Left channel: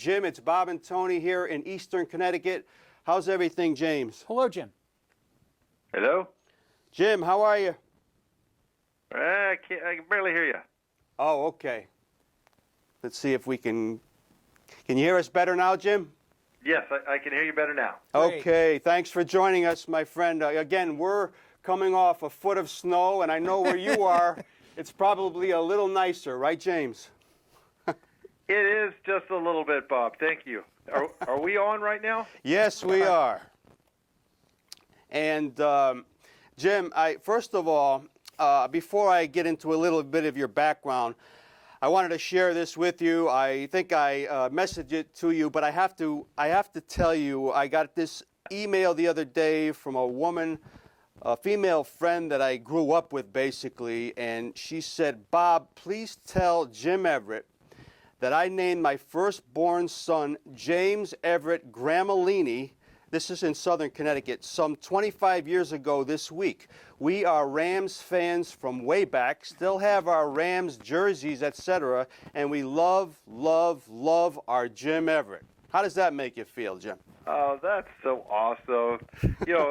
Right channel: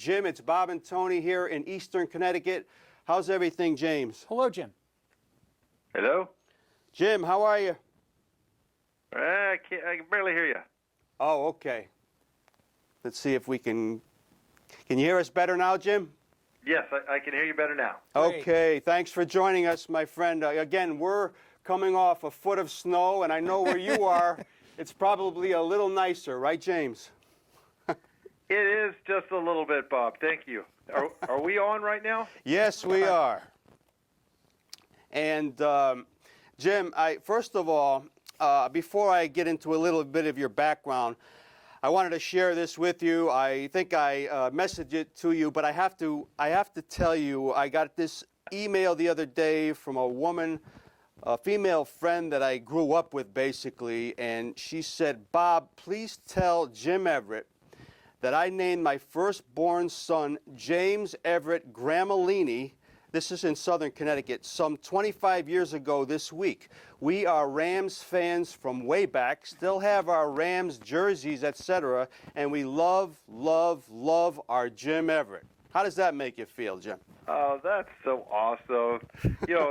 Jim, it's Bob and Tony here in Eastern Connecticut. How's everything, James? Hello, Jim. Hello? Jim, how are you? I can barely hear you. Oh, okay. Let's see if we can you hear us better now, Jim? Yes, I can hear you better now. Okay, thanks for joining us, my friend. Again, we're coming off a foot of snow, and I know where you are. It's probably a little nicer, right, James? It is just a little bit, Bob. Thank you. Are we on right now? Yes, we are. And Jim, first of all, before I get into a little bit of your background, I wanted to share this with you. I think I messaged it to you, but I have to tell you, I got this email the other day from a woman, a female friend that I grew up with, basically, and she said, "Bob, please tell Jim Everett that I named my firstborn son James Everett Gramellini." This is in Southern Connecticut, some 25 years ago this week. We are Rams fans from way back, still have our Rams jerseys, etc., and we love, love, love our Jim Everett. How does that make you feel, Jim? Oh, that's so awesome. You know,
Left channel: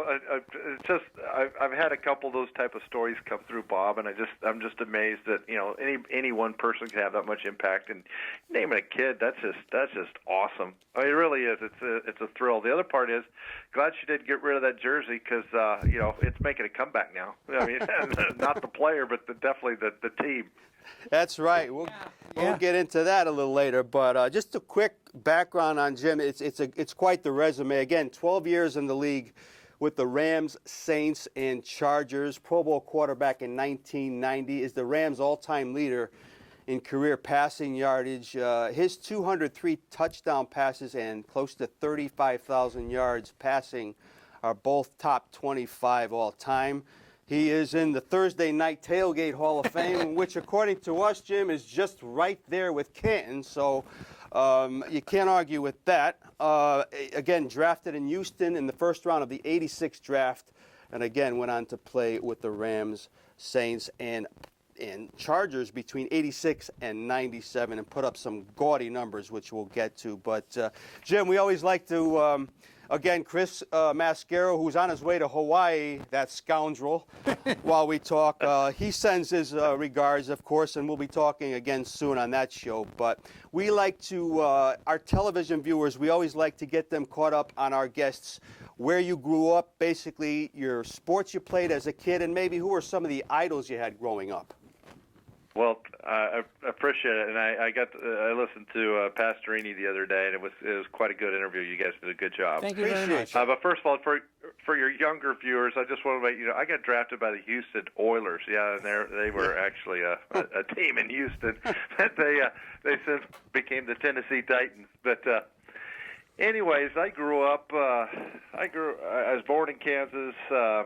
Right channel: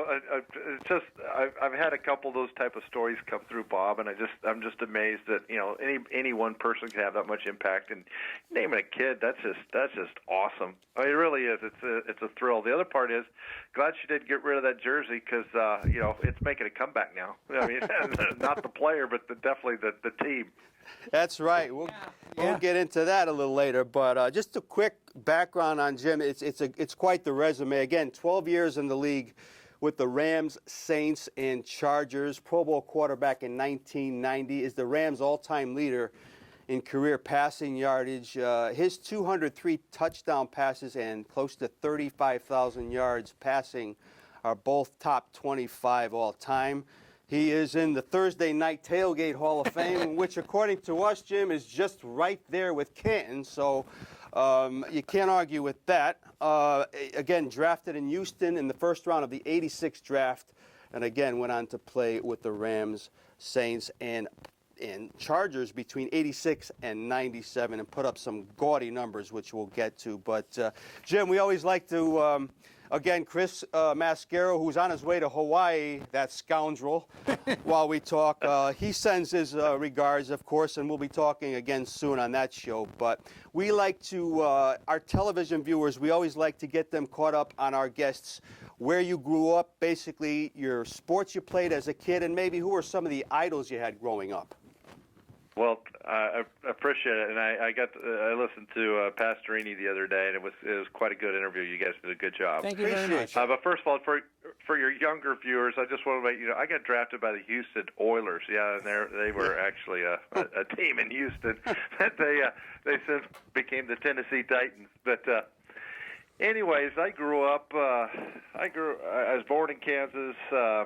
I've had a couple of those type of stories come through, Bob, and I'm just amazed that, you know, any one person can have that much impact. And naming a kid, that's just awesome. I mean, it really is. It's a thrill. The other part is, glad she did get rid of that jersey because, you know, it's making a comeback now. I mean, not the player, but definitely the team. That's right. We'll get into that a little later, but just a quick background on Jim. It's quite the resume. Again, 12 years in the league with the Rams, Saints, and Chargers. Pro Bowl quarterback in 1990, is the Rams' all-time leader in career passing yardage. His 203 touchdown passes and close to 35,000 yards passing are both top 25 all-time. He is in the Thursday Night Tailgate Hall of Fame, which, according to us, Jim, is just right there with Canton. So you can't argue with that. Again, drafted in Houston in the first round of the '86 draft, and again went on to play with the Rams, Saints, and Chargers between '86 and '97, and put up some gaudy numbers, which we'll get to. But Jim, we always like to. Again, Chris Mascaro, who's on his way to Hawaii, that scoundrel, while we talk. He sends his regards, of course, and we'll be talking again soon on that show. But we like to, our television viewers, we always like to get them caught up on our guests, where you grew up, basically your sports you played as a kid, and maybe who are some of the idols you had growing up. Well, I appreciate it, and I listened to Pastorini the other day, and it was quite a good interview. You guys did a good job. Thank you. Appreciate you. But first of all, for your younger viewers, I just want to make you know I got drafted by the Houston Oilers. Yeah, and they were actually a team in Houston. They since became the Tennessee Titans. But anyways, I grew up. I was born in Kansas.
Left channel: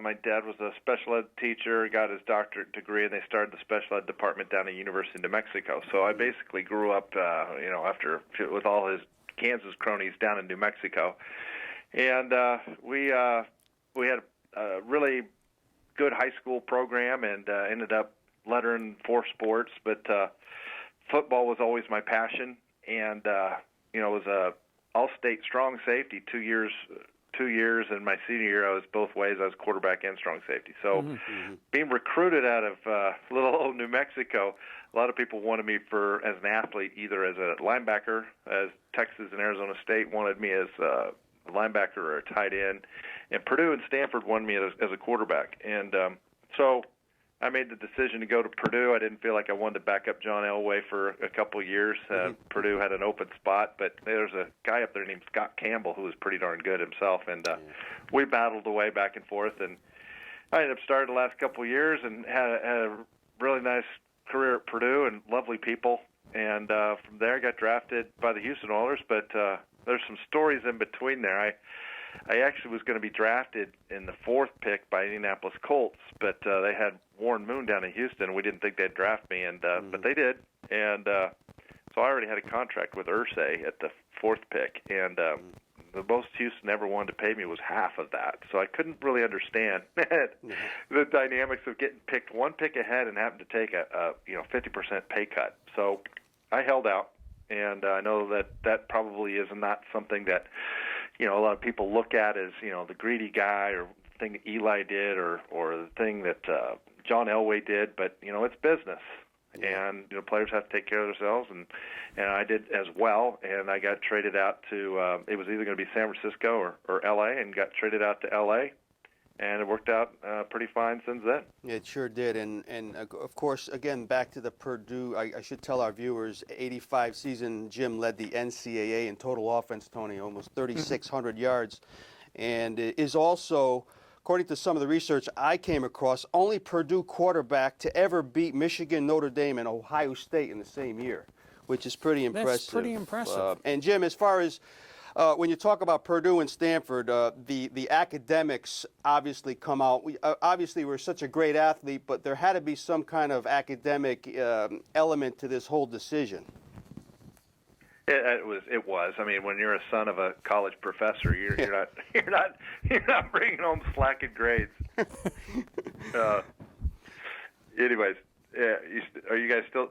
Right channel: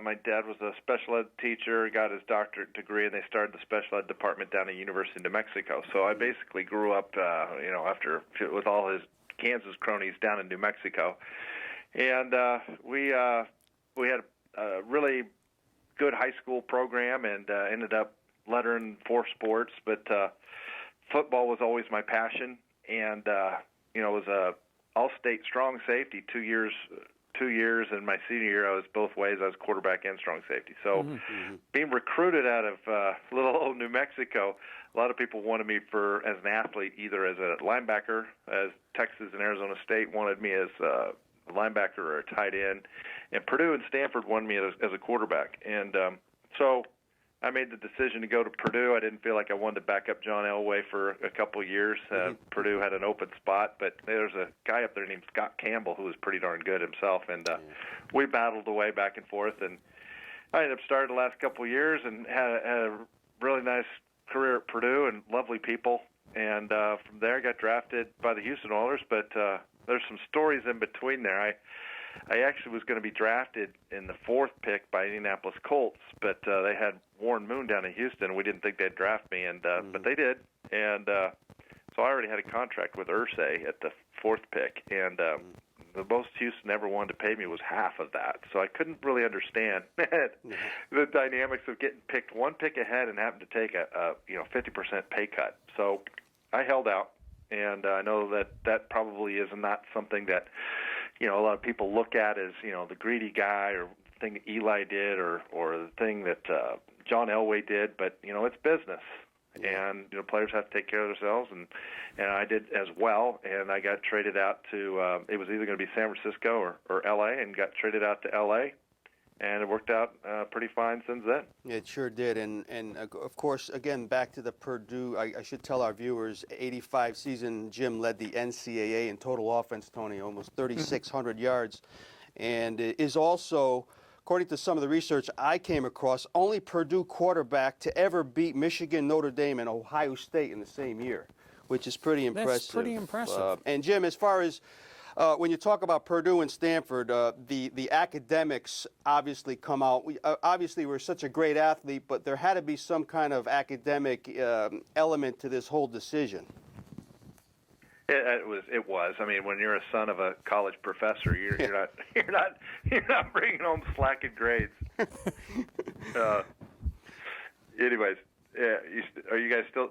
My dad was a special ed teacher. Got his doctorate degree, and they started the special ed department down at University of New Mexico. So I basically grew up, you know, with all his Kansas cronies down in New Mexico, and we had a really good high school program, and ended up lettering 4 sports. But football was always my passion, and you know, it was a all-state strong safety 2 years, and my senior year I was both ways. I was quarterback and strong safety. So being recruited out of little old New Mexico, a lot of people wanted me as an athlete, either as a linebacker, as Texas and Arizona State wanted me as a linebacker or a tight end, and Purdue and Stanford wanted me as a quarterback. And so I made the decision to go to Purdue. I didn't feel like I wanted to back up John Elway for a couple of years. Purdue had an open spot, but there's a guy up there named Scott Campbell who was pretty darn good himself, and we battled away back and forth. And I ended up starting the last couple of years and had a really nice career at Purdue and lovely people. And from there, I got drafted by the Houston Oilers, but there's some stories in between there. I actually was going to be drafted in the 4th pick by Indianapolis Colts, but they had Warren Moon down in Houston. We didn't think they'd draft me, but they did. And so I already had a contract with Irsay at the 4th pick, and the most Houston ever wanted to pay me was half of that. So I couldn't really understand the dynamics of getting picked 1 pick ahead and having to take a 50% pay cut. So I held out, And I know that probably is not something that, a lot of people look at as, the greedy guy or the thing that Eli did or the thing that John Elway did, but, it's business. And players have to take care of themselves, and I did as well. And I got traded out to it was either going to be San Francisco or L.A., and got traded out to L.A., and it worked out pretty fine since then. Yeah, it sure did. And of course, again, back to the Purdue, I should tell our viewers, 85 season, Jim led the NCAA in total offense, Tony, almost 3,600 yards, and is also, according to some of the research I came across, only Purdue quarterback to ever beat Michigan, Notre Dame, and Ohio State in the same year, which is pretty impressive. That's pretty impressive. And Jim, as far as when you talk about Purdue and Stanford, the academics obviously come out. Obviously, we're such a great athlete, but there had to be some kind of academic element to this whole decision. It was. I mean, when you're a son of a college professor, you're not bringing home slacking grades. Anyways, are you guys still?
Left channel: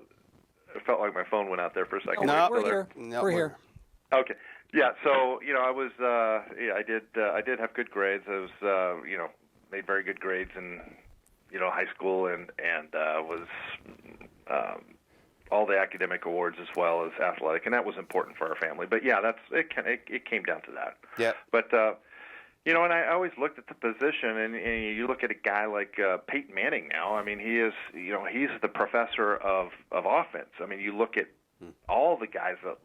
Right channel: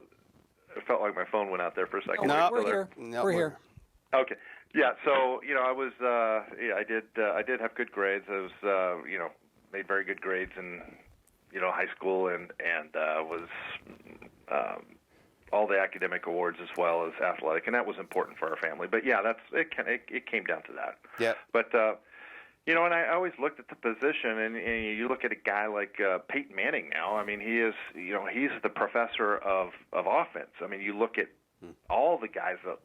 It felt like my phone went out there for a second. No, we're here. We're here. Okay. Yeah. So I was. I did have good grades. I was. Made very good grades in high school and was. All the academic awards as well as athletic, and that was important for our family. But yeah, it came down to that. Yeah. But and I always looked at the position, and you look at a guy like Peyton Manning now. I mean, he is he's the professor of offense. I mean, you look at all the guys that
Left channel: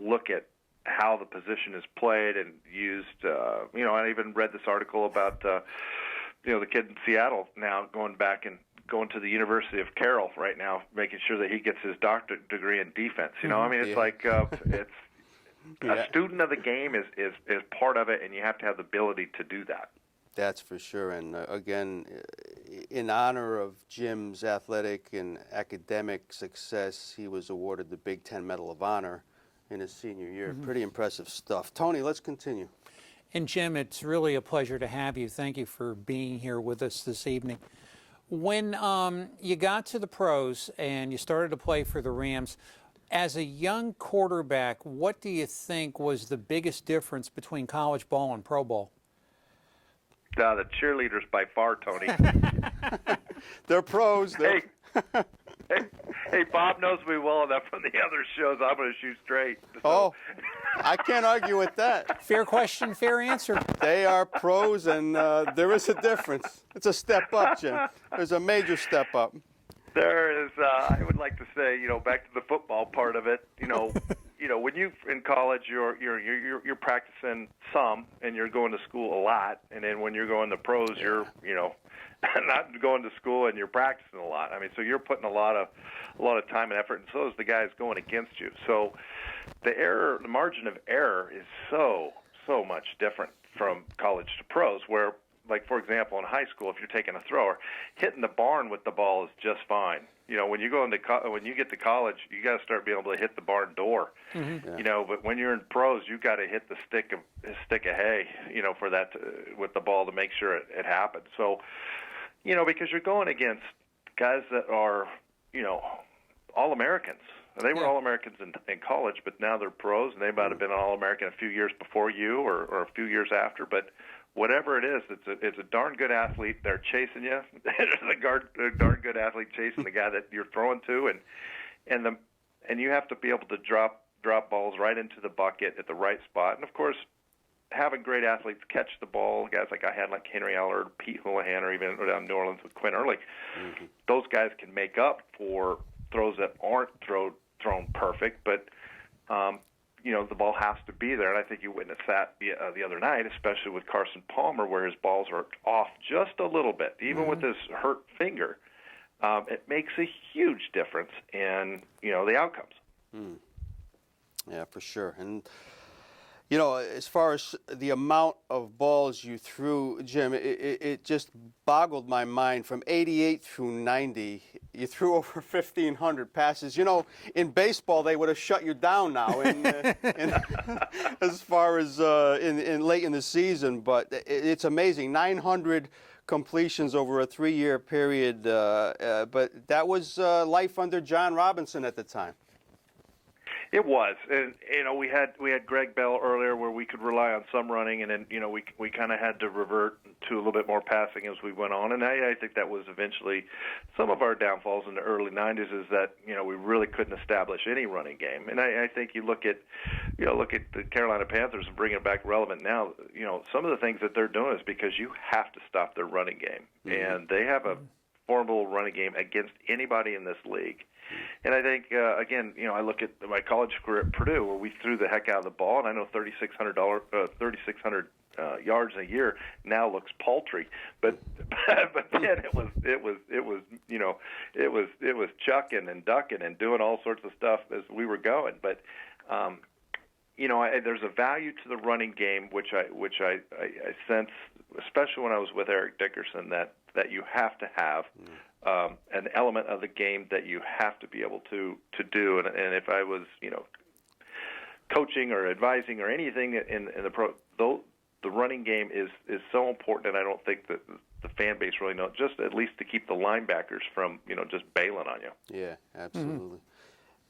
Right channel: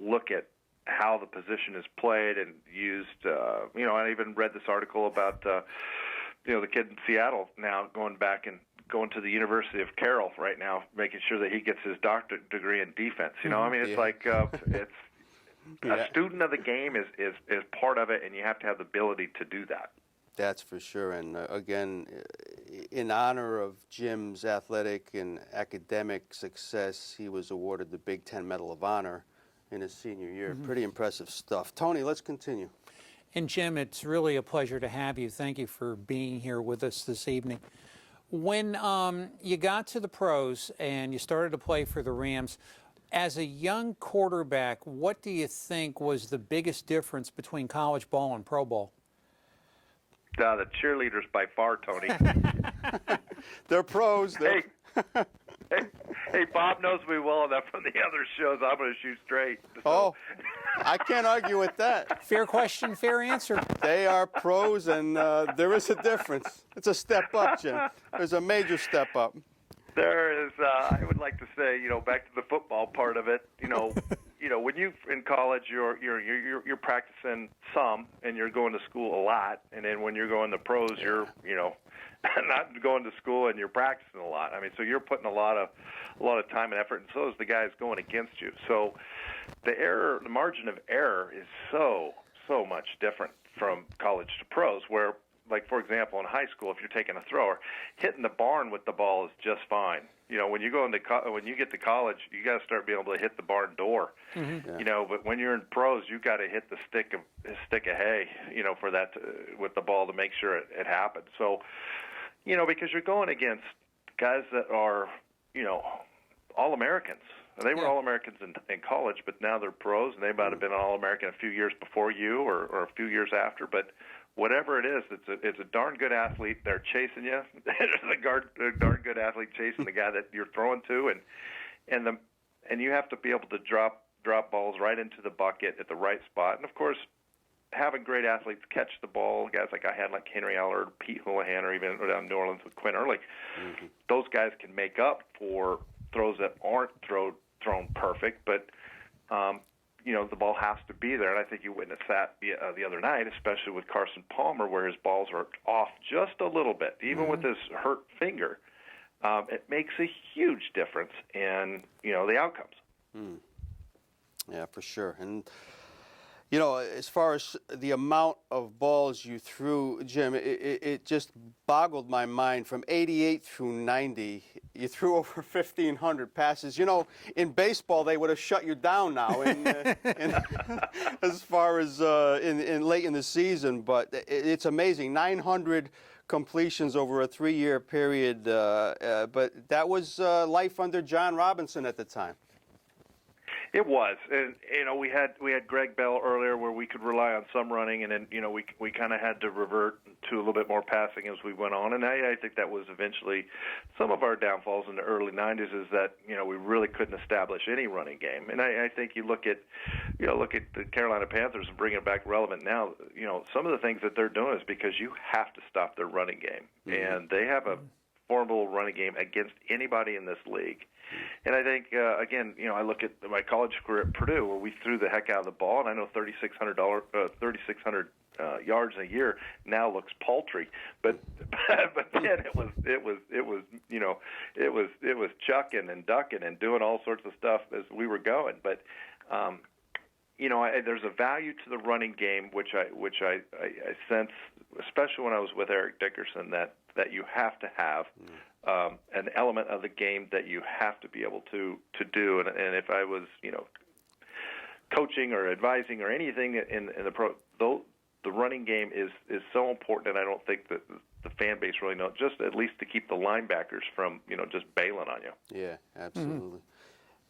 look at how the position is played and used. I even read this article about the kid in Seattle now going to the University of Carroll right now, making sure that he gets his doctorate degree in defense. I mean, it's like it's a student of the game is part of it, and you have to have the ability to do that. That's for sure. And again, in honor of Jim's athletic and academic success, he was awarded the Big Ten Medal of Honor in his senior year. Pretty impressive stuff. Tony, let's continue. And Jim, it's really a pleasure to have you. Thank you for being here with us this evening. When you got to the pros and you started to play for the Rams, as a young quarterback, what do you think was the biggest difference between college ball and pro ball? No, the cheerleaders by far, Tony. They're pros. Hey, Bob knows me well enough from the other shows. I'm going to shoot straight. So. Oh, I can't argue with that. Fair question, fair answer. They are pros, and there is a difference. It's a step up, Jim. There's a major step up. There is. I would like to say, back to the football part of it. When you in college, you're practicing some, and you're going to school a lot, and then when you're going to pros, you're not going to school and you're practicing a lot. I mean, so you're putting a lot of time and effort, and so is the guys going against you. So the margin of error is so much different from college to pros, where, like, for example, in high school, if you're taking a thrower, hitting the barn with the ball is just fine. When you go when you get to college, you got to start being able to hit the barn door. Mm-hmm. But when you're in pros, you got to hit the stick of hay, for that with the ball to make sure it happens. So, because you're going against guys that are, All-Americans. They were All-Americans in college, but now they're pros, and they might have been an All-American a few years before you or a few years after. But whatever it is, it's a darn good athlete. They're chasing you. There's a darn good athlete chasing the guy that you're throwing to, and you have to be able to drop balls right into the bucket at the right spot. And of course, having great athletes catch the ball, guys like I had, like Henry Eller, Pete Houlihan, or even down in New Orleans with Quinn Early, those guys can make up for throws that aren't thrown perfect, but the ball has to be there. And I think you witnessed that the other night, especially with Carson Palmer, where his balls are off just a little bit, even with his hurt finger. It makes a huge difference in the outcomes. Mm. Yeah, for sure. And as far as the amount of balls you threw, Jim, it just boggled my mind. From 88 through 90, you threw over 1,500 passes. In baseball, they would have shut you down now as far as in late in the season. But it's amazing, 900 completions over a 3-year period. But that was life under John Robinson at the time. It was, and we had Greg Bell earlier where we could rely on some running, and then we kind of had to revert to a little bit more passing as we went on, and I think that was eventually some of our downfalls in the early '90s is that we really couldn't establish any running game, and I think you look at the Carolina Panthers and bringing it back relevant now. Some of the things that they're doing is because you have to stop their running game, and they have a formidable running game against anybody in this league. And I think, again, I look at my college career at Purdue where we threw the heck out of the ball, and I know 3,600 yards a year now looks paltry, but then it was chucking and ducking and doing all sorts of stuff as we were going. But there's a value to the running game which I sense, especially when I was with Eric Dickerson, that you have to have an element of the game that you have to be able to do. And if I was coaching or advising or anything in the pro, the running game is so important, and I don't think that the fan base really knows, just at least to keep the linebackers from just bailing on you. Yeah, absolutely.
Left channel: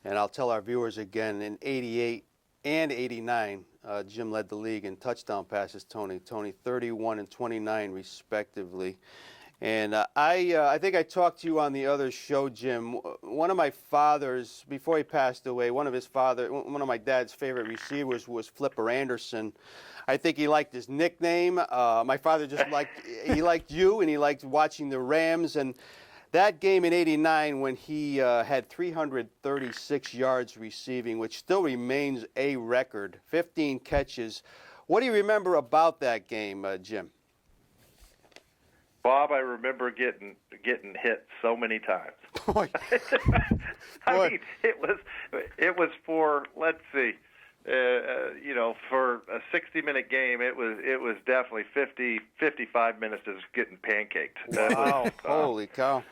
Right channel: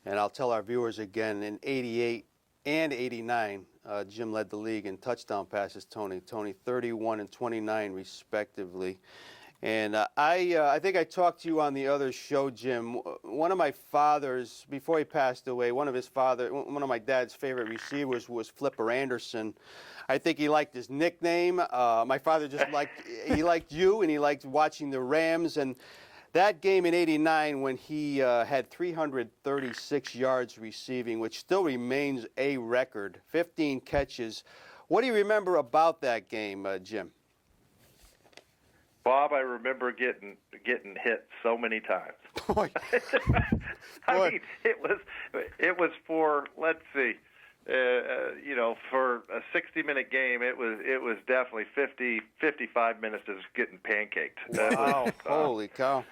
And I'll tell our viewers again, in '88 and '89, Jim led the league in touchdown passes, Tony 31 and 29 respectively. And I think I talked to you on the other show, Jim. One of my father's, before he passed away, one of my dad's favorite receivers was Flipper Anderson. I think he liked his nickname. My father just liked you, and he liked watching the Rams. And that game in '89 when he had 336 yards receiving, which still remains a record, 15 catches. What do you remember about that game, Jim? Bob, I remember getting hit so many times. I mean, it was for, let's see, for a 60-minute game, it was definitely 55 minutes of just getting pancaked. Wow! Holy cow!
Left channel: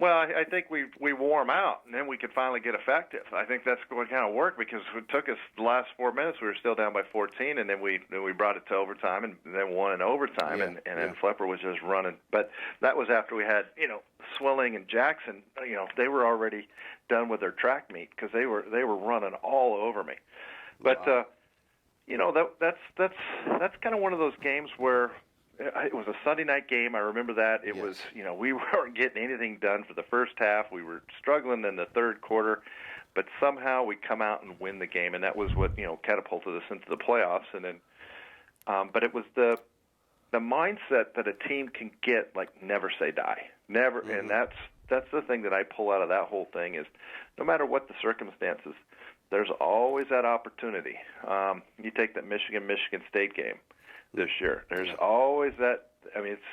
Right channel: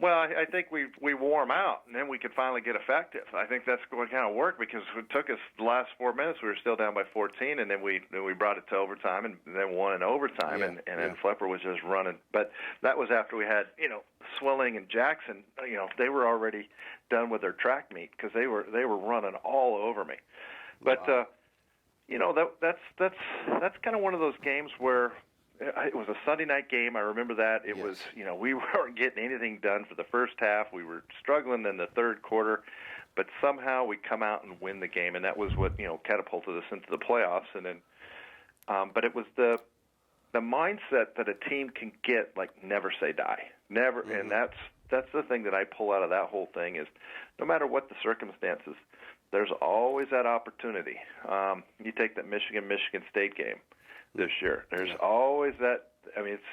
Well, I think we wore them out, and then we could finally get effective. I think that's what kind of worked because it took us the last 4 minutes. We were still down by 14, and then we brought it to overtime, and then won in overtime, and then Flipper was just running. But that was after we had Swilling and Jackson. They were already done with their track meet because they were running all over me. But wow. That's kind of one of those games where. It was a Sunday night game. I remember that. It was, we weren't getting anything done for the first half. We were struggling in the third quarter, but somehow we come out and win the game, and that was what, catapulted us into the playoffs. And then, but it was the mindset that a team can get, like, never say die. Never. And that's the thing that I pull out of that whole thing is no matter what the circumstances, there's always that opportunity. You take that Michigan State game this year. There's always that. I mean, it's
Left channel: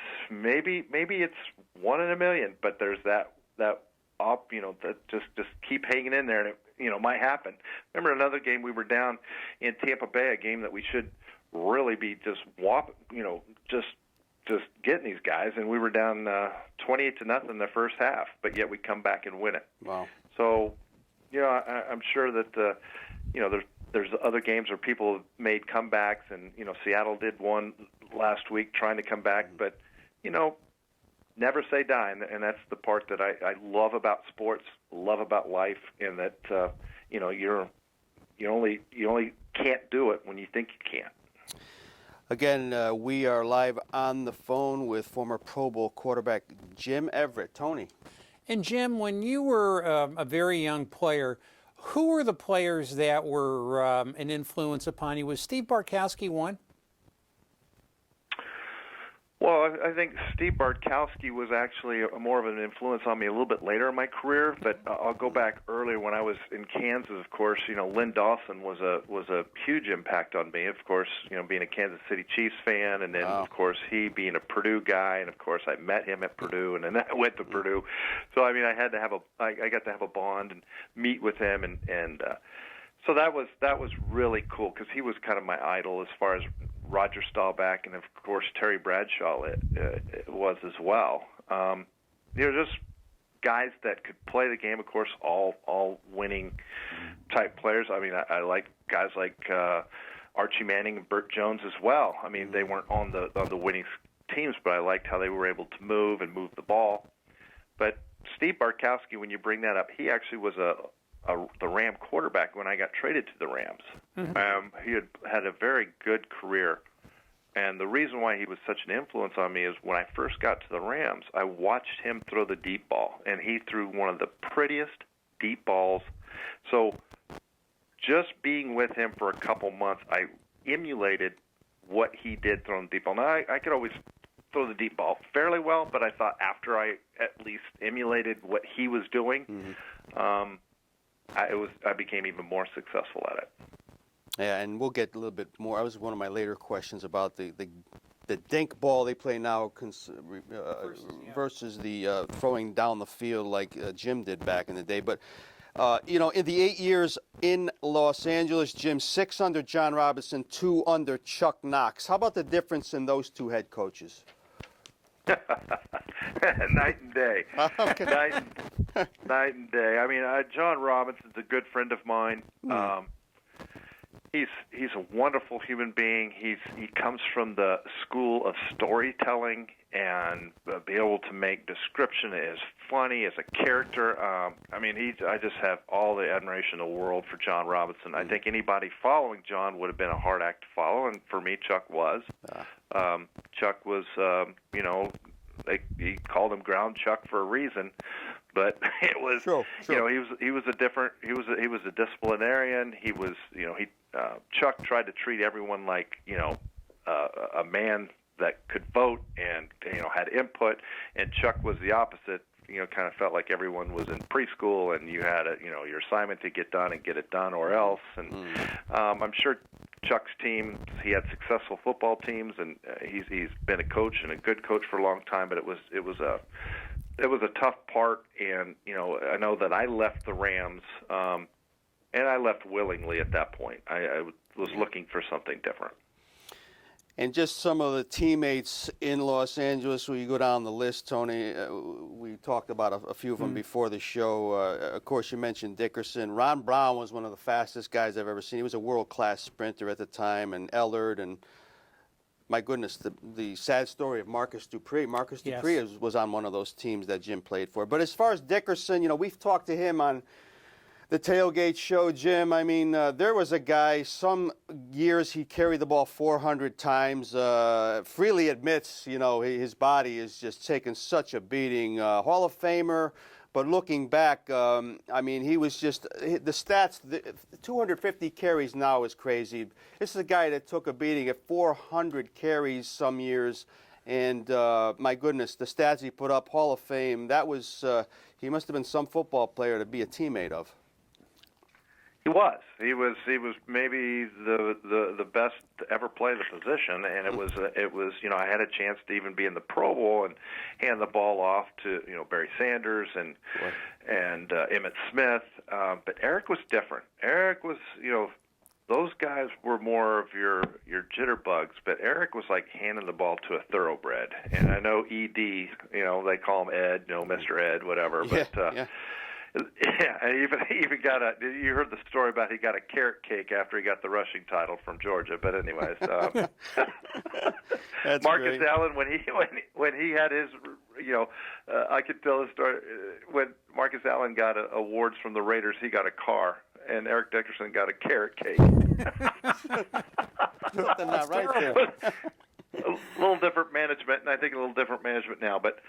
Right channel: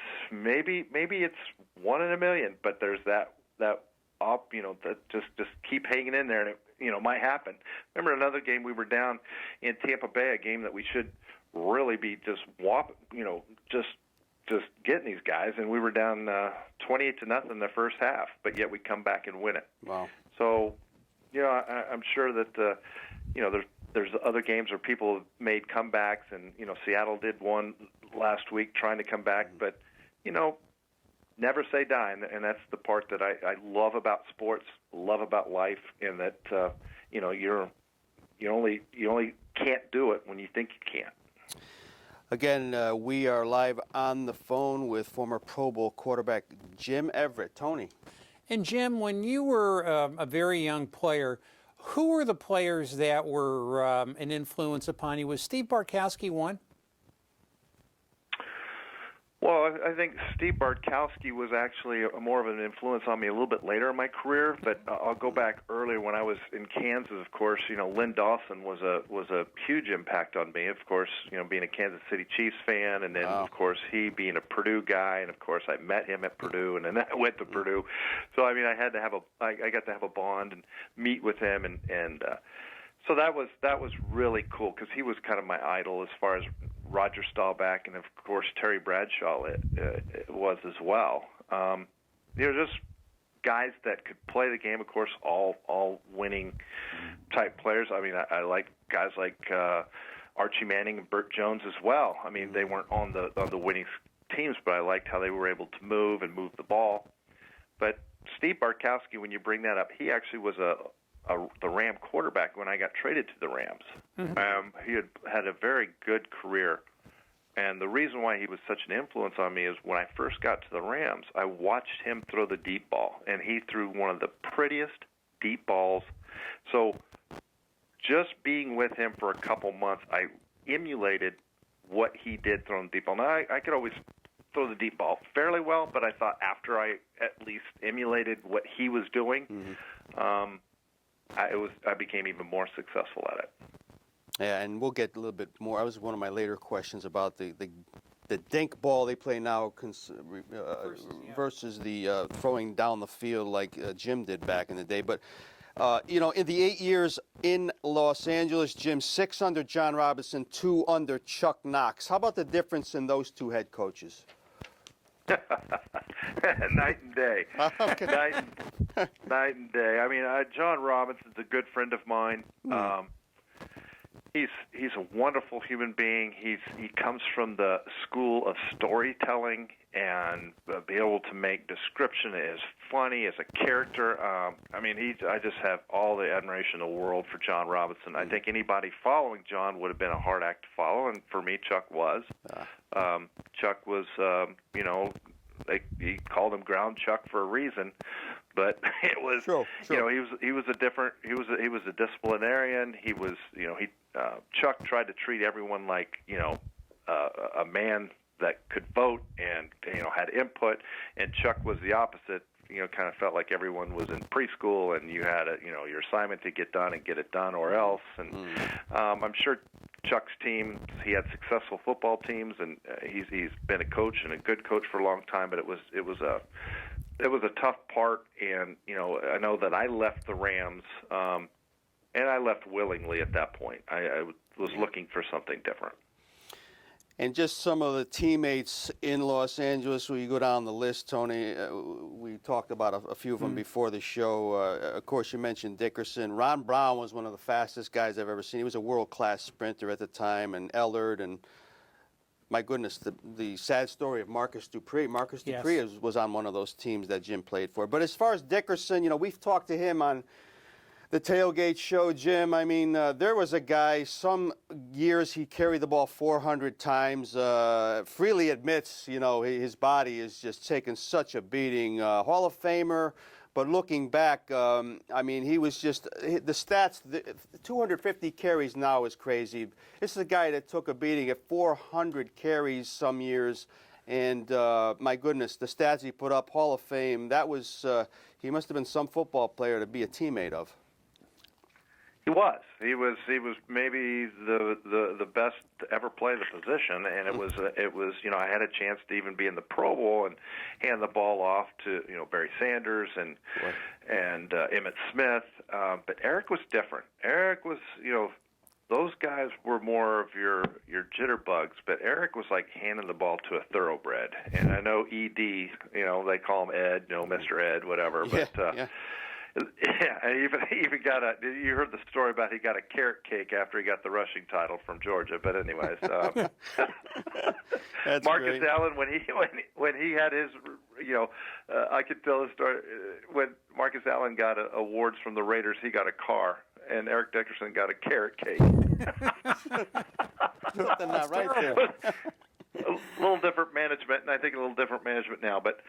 maybe it's 1 in a million, but there's that that just keep hanging in there, and it might happen. Remember another game we were down in Tampa Bay, a game that we should really be just getting these guys, and we were down 28-0 in the first half, but yet we come back and win it. Wow. So, I'm sure that there's other games where people have made comebacks, and Seattle did one last week trying to come back, but never say die, and that's the part that I love about sports, love about life, in that you only can't do it when you think you can. Again, we are live on the phone with former Pro Bowl quarterback Jim Everett. Tony. And Jim, when you were a very young player, who were the players that were an influence upon you? Was Steve Bartkowski one? Well, I think Steve Bartkowski was actually more of an influence on me a little bit later in my career, but I'll go back earlier when I was in Kansas. Of course, Lynn Dawson was a huge impact on me. Of course, being a Kansas City Chiefs fan, and then of course he being a Purdue guy, and of course I met him at Purdue, and then I went to Purdue. So I got to have a bond and meet with him, and so that was really cool because he was kind of my idol as far as Roger Staubach, and of course Terry Bradshaw it was as well. Just guys that could play the game. Of course, all winning type players. I mean, I like guys like Archie Manning and Burt Jones as well. I mean, they weren't on the winning teams, but I liked how they were able to move the ball. But Steve Bartkowski, when you bring that up, he actually was the Ram quarterback when I got traded to the Rams. Mm-hmm. He had a very good career. And the reason why he was such an influence on me is when I first got to the Rams, I watched him throw the deep ball, and he threw one of the prettiest deep balls. So just being with him for a couple months, I emulated what he did throwing the deep ball. Now, I could always throw the deep ball fairly well, but I thought after I at least emulated what he was doing, I became even more successful at it. Yeah, and we'll get a little bit more. That was one of my later questions about the dink ball they play now versus the throwing down the field like Jim did back in the day. But, in the 8 years in Los Angeles, Jim, 6 under John Robinson, 2 under Chuck Knox. How about the difference in those two head coaches? Night and day. Okay. Night and day. I mean, John Robinson's a good friend of mine. He's a wonderful human being. He comes from the school of storytelling and be able to make description as funny as a character. I just have all the admiration in the world for John Robinson. I think anybody following John would have been a hard act to follow, and for me, Chuck was. Chuck was, he called him Ground Chuck for a reason, but it was, sure. he was a disciplinarian. He was, Chuck tried to treat everyone like, a man that could vote and, had input, and Chuck was the opposite. Kind of felt like everyone was in preschool and you had your assignment to get done and get it done or else. And I'm sure Chuck's team, he had successful football teams, and he's been a coach and a good coach for a long time. But it was a tough part, and I know that I left the Rams, and I left willingly at that point. I was looking for something different. And just some of the teammates in Los Angeles, when you go down the list, Tony, we talked about a few of them before the show. Of course, you mentioned Dickerson. Ron Brown was one of the fastest guys I've ever seen. He was a world-class sprinter at the time, and Ellard, and my goodness, the sad story of Marcus Dupree. Marcus Dupree was on one of those teams that Jim played for. But as far as Dickerson, we've talked to him on the tailgate show, Jim. I mean, there was a guy, some years he carried the ball 400 times, freely admits, his body is just taking such a beating. Hall of Famer, but looking back, he was just, the stats, the 250 carries now is crazy. This is a guy that took a beating at 400 carries some years, and my goodness, the stats he put up, Hall of Fame, that was, he must have been some football player to be a teammate of. He was. He was maybe the best to ever play the position, and it was. I had a chance to even be in the Pro Bowl and hand the ball off to Barry Sanders and Emmitt Smith. But Eric was different. Eric was those guys were more of your jitterbugs, but Eric was like handing the ball to a thoroughbred. And I know ED, they call him Ed, Mr. Ed, whatever, but. Yeah, and he even got you heard the story about he got a carrot cake after he got the rushing title from Georgia. But anyways, Marcus great. Allen when he had his, I could tell the story when Marcus Allen got awards from the Raiders. He got a car, and Eric Dickerson got a carrot cake. Something not right there. A little different management, and I think a little different management now. But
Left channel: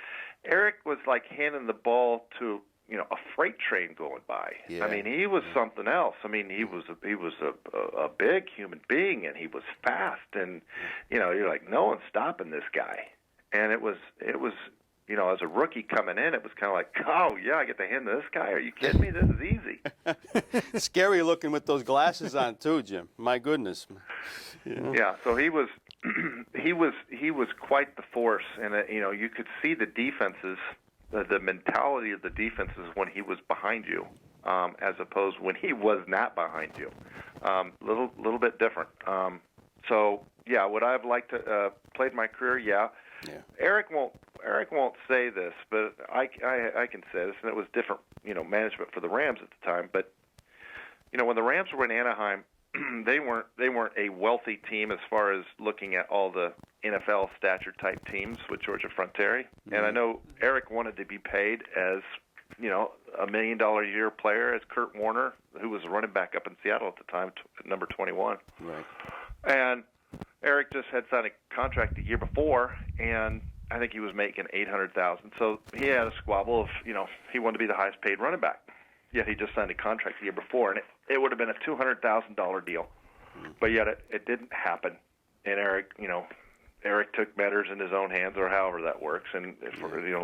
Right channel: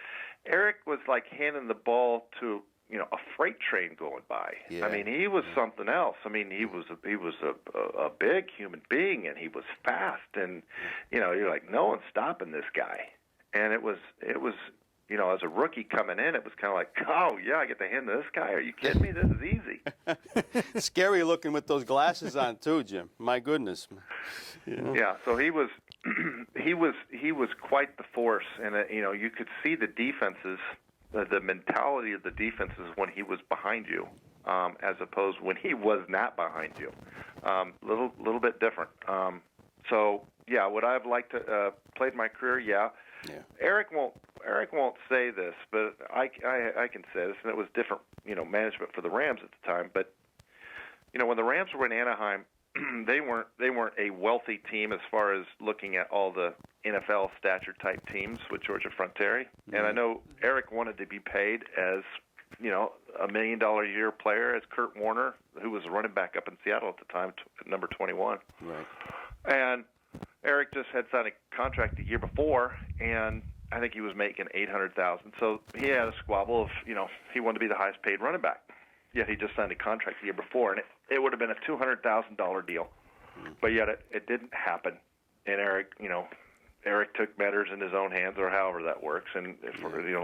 Eric was like handing the ball to a freight train going by. Yeah. I mean, he was something else. I mean, he was a big human being, and he was fast, and you're like, no one's stopping this guy. And it was as a rookie coming in, it was kind of like, oh yeah, I get to hand to this guy. Are you kidding me? This is easy. Scary looking with those glasses on too, Jim. My goodness. Yeah. So he was quite the force, and you could see the defenses. The mentality of the defenses when he was behind you, as opposed when he was not behind you, little bit different. So yeah, would I have liked to played my career? Yeah. Eric won't say this, but I can say this, and it was different, management for the Rams at the time. But when the Rams were in Anaheim, they weren't a wealthy team as far as looking at all the NFL stature type teams with Georgia Fronteri. And I know Eric wanted to be paid as $1 million a year player as Kurt Warner, who was a running back up in Seattle at the time, number 21. Right. And Eric just had signed a contract the year before, and I think he was making $800,000. So he had a squabble of, he wanted to be the highest paid running back. Yeah, he just signed a contract the year before, and it would have been a $200,000 deal. But yet it didn't happen. And Eric took matters in his own hands, or however that works. And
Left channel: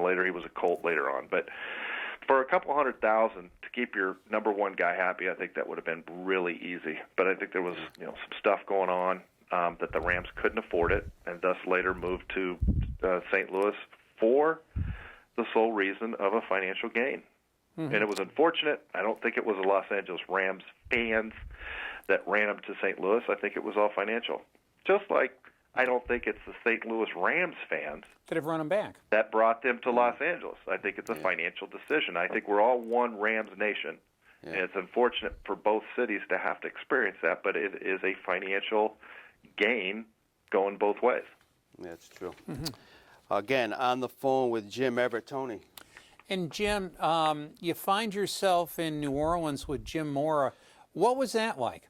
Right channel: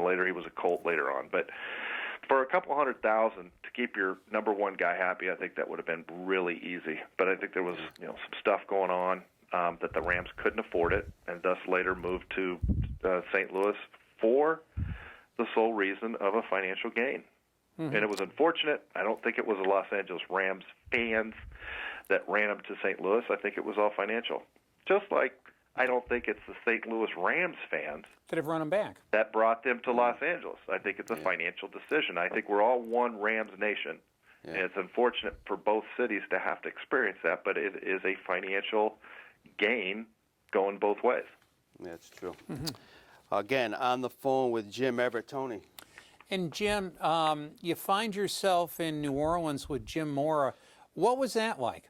later he was a Colt later on. But for a couple $100,000 to keep your number one guy happy, I think that would have been really easy. But I think there was some stuff going on that the Rams couldn't afford it, and thus later moved to St. Louis for the sole reason of a financial gain. Mm-hmm. And it was unfortunate. I don't think it was the Los Angeles Rams fans that ran up to St. Louis. I think it was all financial. Just like I don't think it's the St. Louis Rams fans that have run them back that brought them to Los Angeles. I think it's a financial decision. I think we're all one Rams nation. Yeah. And it's unfortunate for both cities to have to experience that, but it is a financial gain going both ways. That's true. Mm-hmm. Again, on the phone with Jim Everett. Tony. And Jim, you find yourself in New Orleans with Jim Mora. What was that like?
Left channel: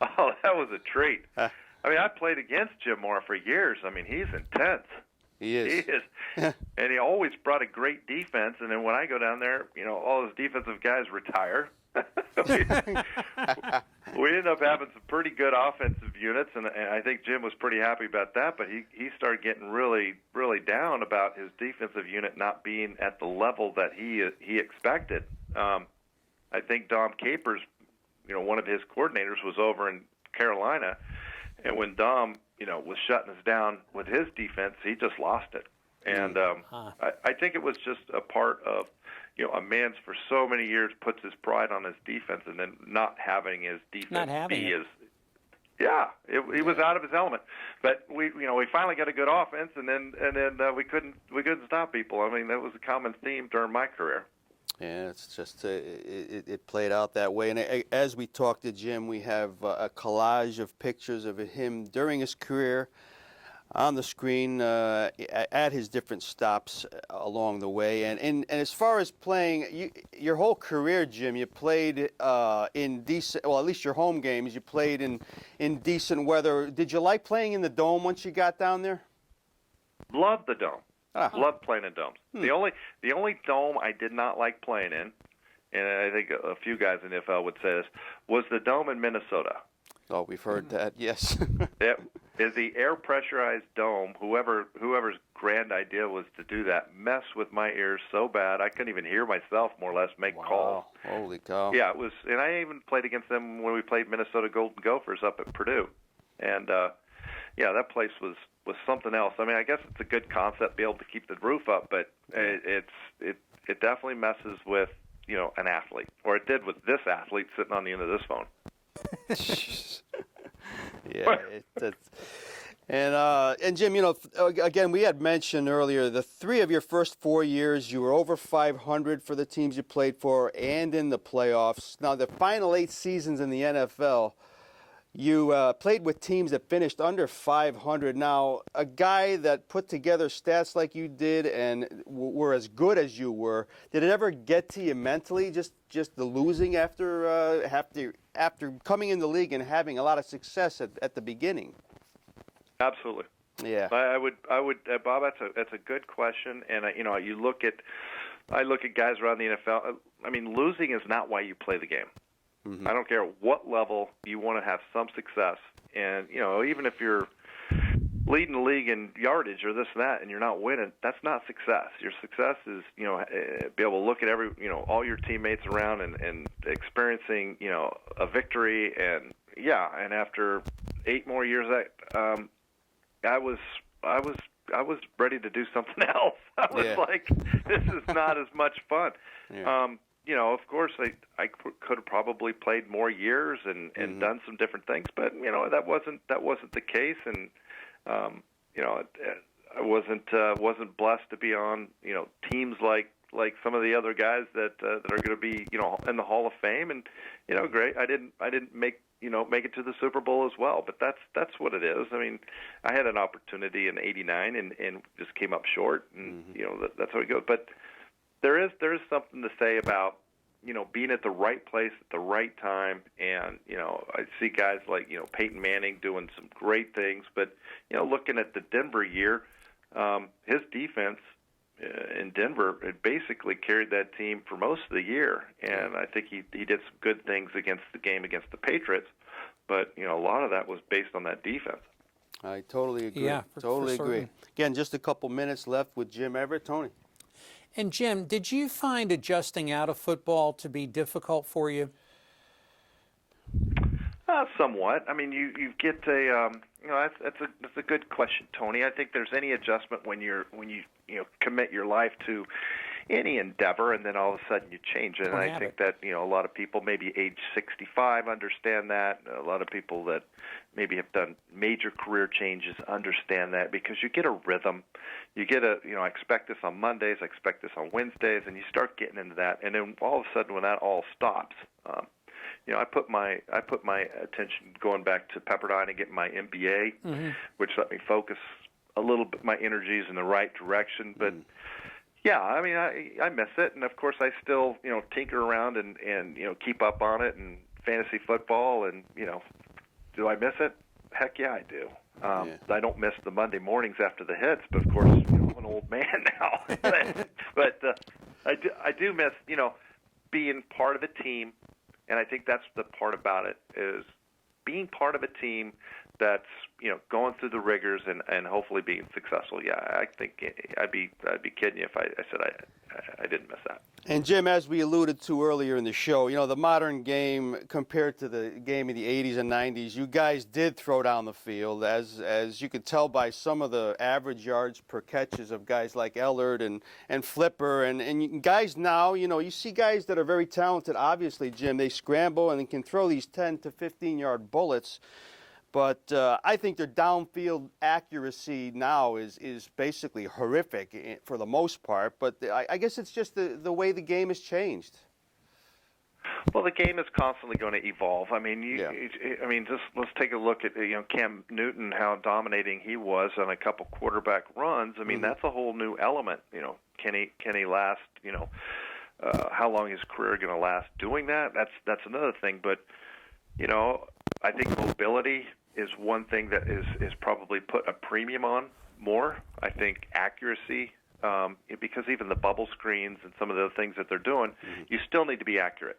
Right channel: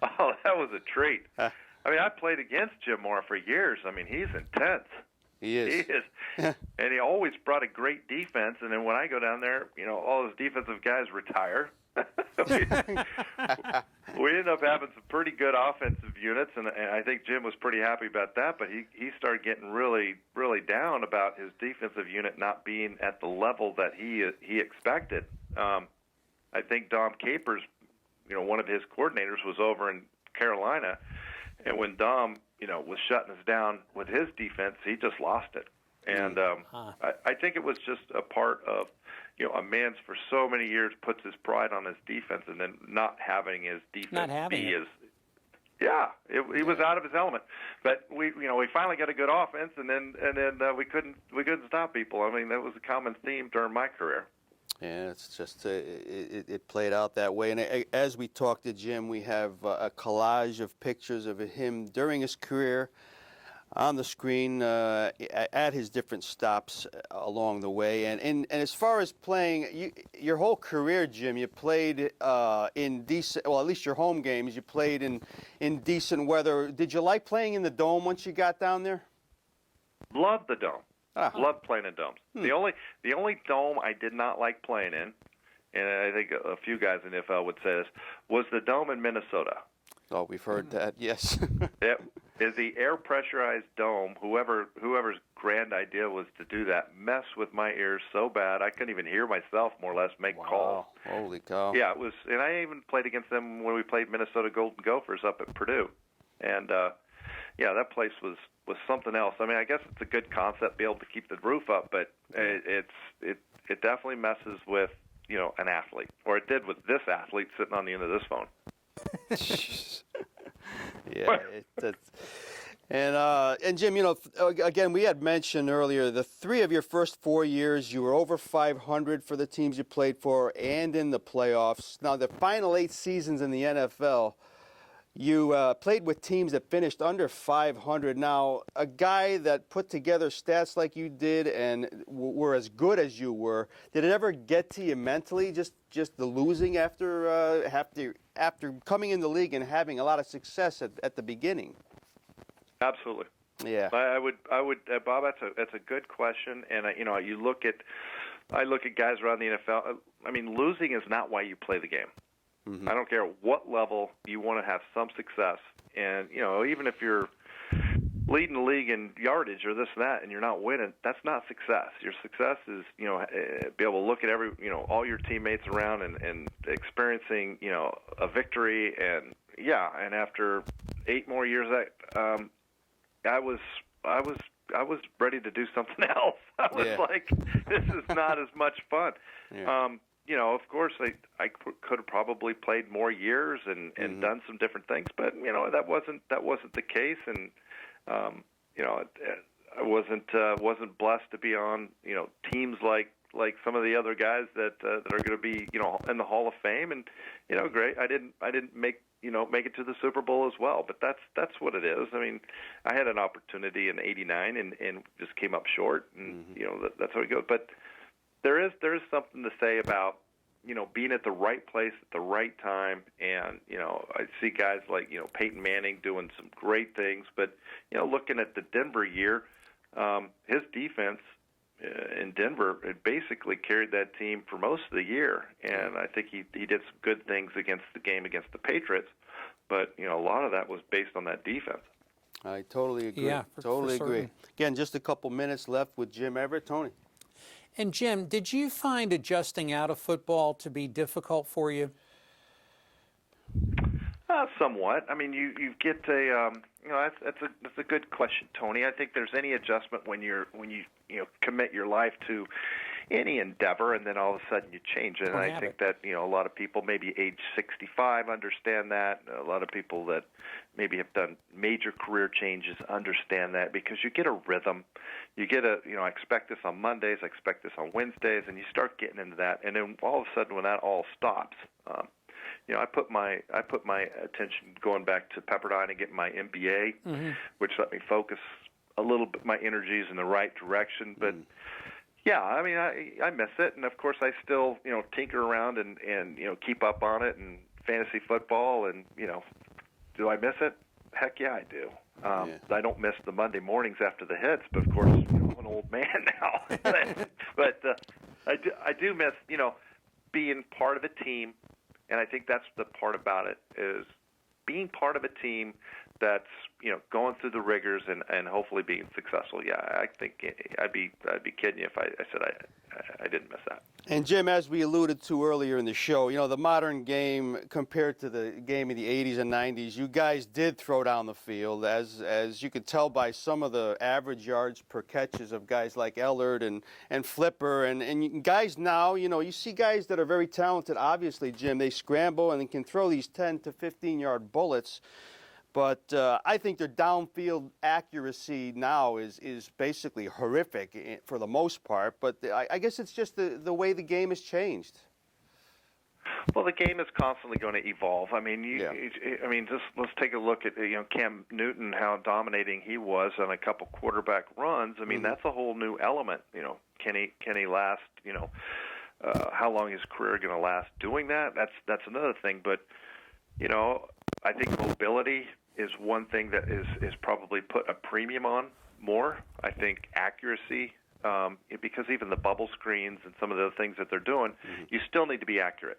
Oh, that was a treat. I mean, I played against Jim Mora for years. I mean, he's intense. He is. And he always brought a great defense. And then when I go down there, all his defensive guys retire. We ended up having some pretty good offensive units, and I think Jim was pretty happy about that. But he started getting really, really down about his defensive unit not being at the level that he expected. I think Dom Capers, one of his coordinators, was over in Carolina, and when Dom, was shutting us down with his defense, he just lost it. And I think it was just a part of, a man's for so many years puts his pride on his defense, and then not having his defense he was out of his element. But we finally got a good offense, and then we couldn't stop people. I mean, that was a common theme during my career. Yeah, it's just it played out that way. And as we talked to Jim, we have a collage of pictures of him during his career on the screen at his different stops along the way. And as far as playing, your whole career, Jim, you played in decent, well, at least your home games, you played in decent weather. Did you like playing in the Dome once you got down there? Loved the Dome. Loved playing in domes. The only dome I did not like playing in, and I think a few guys in the NFL would say this, was the Dome in Minnesota. Oh, we've heard that, yes. It is the air pressurized dome. Whoever's grand idea was to do that messed with my ears so bad I couldn't even hear myself more or less make calls. Holy cow. Yeah, it was, and I even played against them when we played Minnesota Golden Gophers up at Purdue. And that place was something else. I mean, I guess it's a good concept, be able to keep the roof up, but it definitely messes with an athlete, or it did with this athlete sitting on the end of this phone. And Jim, again, we had mentioned earlier the three of your first 4 years, you were over 500 for the teams you played for and in the playoffs. Now, the final 8 seasons in the NFL, you played with teams that finished under 500. Now, a guy that put together stats like you did and were as good as you were, did it ever get to you mentally, just the losing after coming in the league and having a lot of success at the beginning? Absolutely. Yeah. I would, Bob. That's a good question, and I look at guys around the NFL. I mean, losing is not why you play the game. Mm-hmm. I don't care what level you want to have some success, and even if you're leading the league in yardage or this and that, and you're not winning, that's not success. Your success is be able to look at all your teammates around and experiencing a victory, and after 8 more years, I was ready to do something else. I was like, this is not as much fun. Yeah. Of course, I could have probably played more years and done some different things, but that wasn't the case, and I wasn't blessed to be on teams like some of the other guys that are going to be in the Hall of Fame, and great. I didn't make it to the Super Bowl as well, but that's what it is. I mean, I had an opportunity in '89 and just came up short, and that's how it goes. But there is something to say about being at the right place at the right time, and I see guys like Peyton Manning doing some great things, but looking at the Denver year, his defense in Denver had basically carried that team for most of the year, and I think he did some good things against the Patriots, but a lot of that was based on that defense. I totally agree. Yeah, totally for agree. certain. Again, just a couple minutes left with Jim Everett. Tony. And Jim, did you find adjusting out of football to be difficult for you? Somewhat. I mean, you get that's a good question, Tony. I think there's any adjustment when you commit your life to any endeavor, and then all of a sudden you change it. And I think that a lot of people, maybe age 65, understand that. A lot of people that maybe have done major career changes understand that, because you get a rhythm. You get I expect this on Mondays, I expect this on Wednesdays, and you start getting into that, and then all of a sudden when that all stops, I put my attention going back to Pepperdine and getting my MBA, which let me focus a little bit my energies in the right direction. But yeah, I mean, I miss it, and of course I still tinker around and keep up on it, and fantasy football, and do I miss it? Heck yeah, I do. I don't miss the Monday mornings after the hits, but of course I'm an old man now. But I do miss being part of a team. And I think that's the part about it, is being part of a team that's going through the rigors and hopefully being successful. Yeah, I think I'd be kidding you if I said I didn't miss that. And Jim, as we alluded to earlier in the show, the modern game compared to the game of the 80s and 90s, you guys did throw down the field, as you could tell by some of the average yards per catches of guys like Ellard and Flipper, and guys now, you see guys that are very talented. Obviously, Jim, they scramble and they can throw these 10 to 15-yard bullets. But I think their downfield accuracy now is basically horrific for the most part. But I guess it's just the way the game has changed. Well, the game is constantly going to evolve. I mean, just let's take a look at Cam Newton, how dominating he was on a couple quarterback runs. I mean, that's a whole new element. Can he last? How long is his career going to last doing that? That's another thing. But I think mobility is one thing that is probably put a premium on more. I think accuracy, because even the bubble screens and some of the things that they're doing, you still need to be accurate.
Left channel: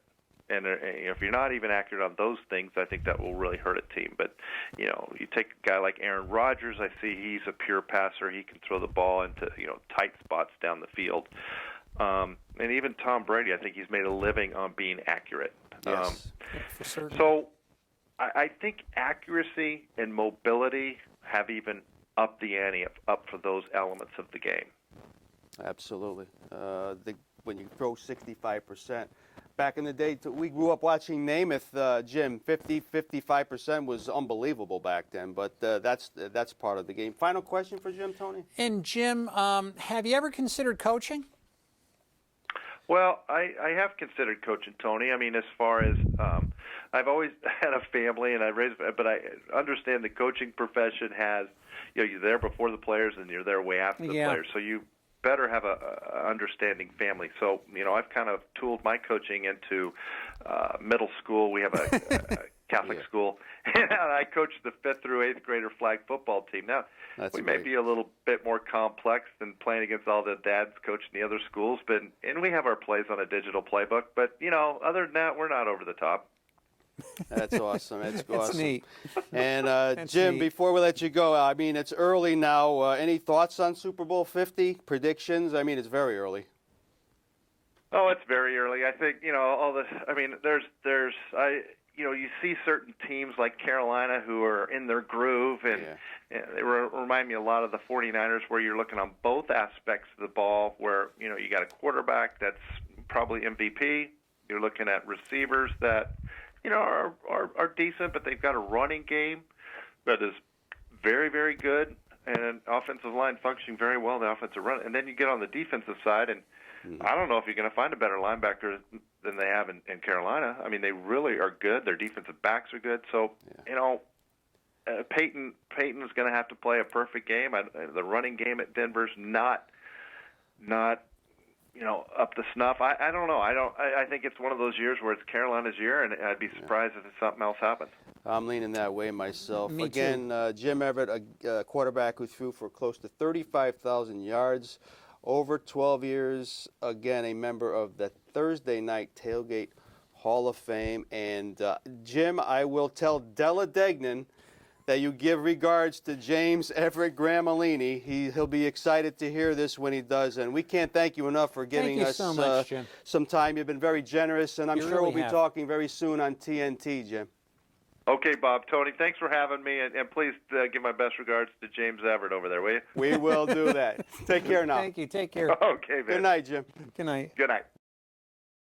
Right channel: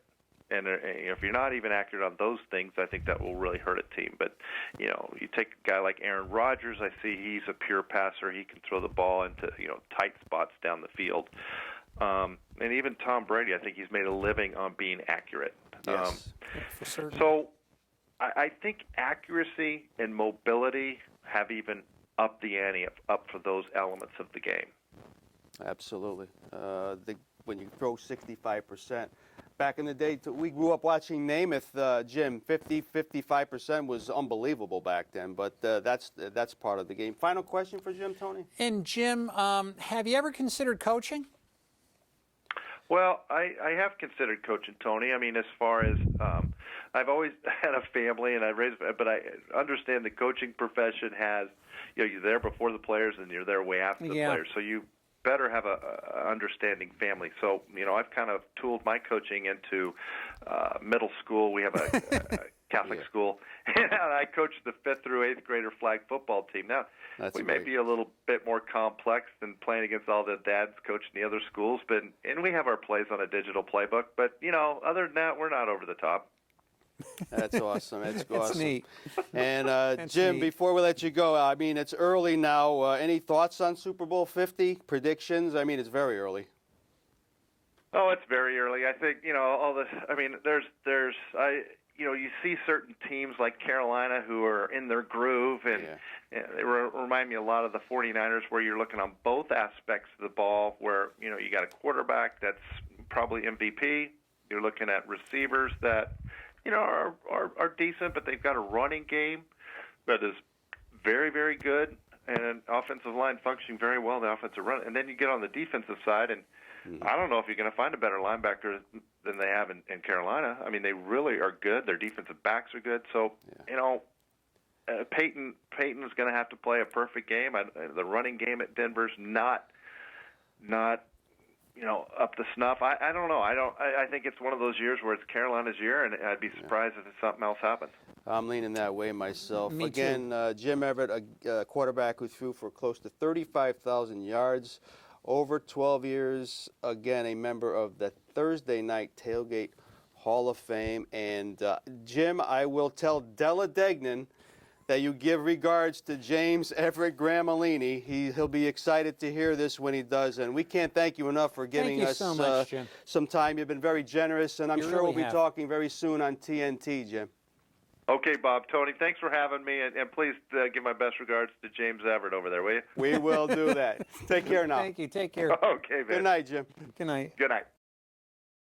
And if you're not even accurate on those things, I think that will really hurt a team. But, you take a guy like Aaron Rodgers, I see he's a pure passer. He can throw the ball into, tight spots down the field. And even Tom Brady, I think he's made a living on being accurate. Yes. For certain. So I think accuracy and mobility have even upped the ante up for those elements of the game. Absolutely. When you throw 65%. Back in the day, we grew up watching Namath, Jim. 55% was unbelievable back then, but that's part of the game. Final question for Jim, Tony? And Jim, have you ever considered coaching? Well, I have considered coaching, Tony. I mean, as far as I've always had a family, and but I understand the coaching profession has, you're there before the players and you're there way after the players. So you better have a understanding family. So, I've kind of tooled my coaching into middle school. We have a Catholic school, and I coach the 5th through 8th grader flag football team. Now, we may be a little bit more complex than playing against all the dads coaching the other schools, and we have our plays on a digital playbook. But, other than that, we're not over the top. That's awesome. That's awesome. Neat. And Jim, before we let you go, I mean, it's early now. Any thoughts on Super Bowl 50 predictions? I mean, it's very early. Oh, it's very early. I think all this. I mean, you see certain teams like Carolina who are in their groove, and they remind me a lot of the 49ers, where you're looking on both aspects of the ball, where you got a quarterback that's probably MVP. You're looking at receivers that are decent, but they've got a running game that is very, very good, and an offensive line functioning very well in the offensive run. And then you get on the defensive side, and I don't know if you're going to find a better linebacker than they have in Carolina. I mean, they really are good. Their defensive backs are good. So, Peyton is going to have to play a perfect game. The running game at Denver's not up to snuff. I don't know. I think it's one of those years where it's Carolina's year, and I'd be surprised if something else happens. I'm leaning that way myself. Me too. Again, Jim Everett, a quarterback who threw for close to 35,000 yards over 12 years. Again, a member of the Thursday Night Tailgate Hall of Fame. And Jim, I will tell Della Degnan that you give regards to James Everett Gramolini. He'll be excited to hear this when he does. And we can't thank you enough for giving us so much, Jim. some time. You've been very generous, and I'm You sure really we'll be have. talking very soon on TNT, Jim. Okay, Bob, Tony, thanks for having me, and please give my best regards to James Everett over there, will you? We will do that. Take care now. Thank you. Take care. Okay, man. Good night, Jim. Good night. Good night.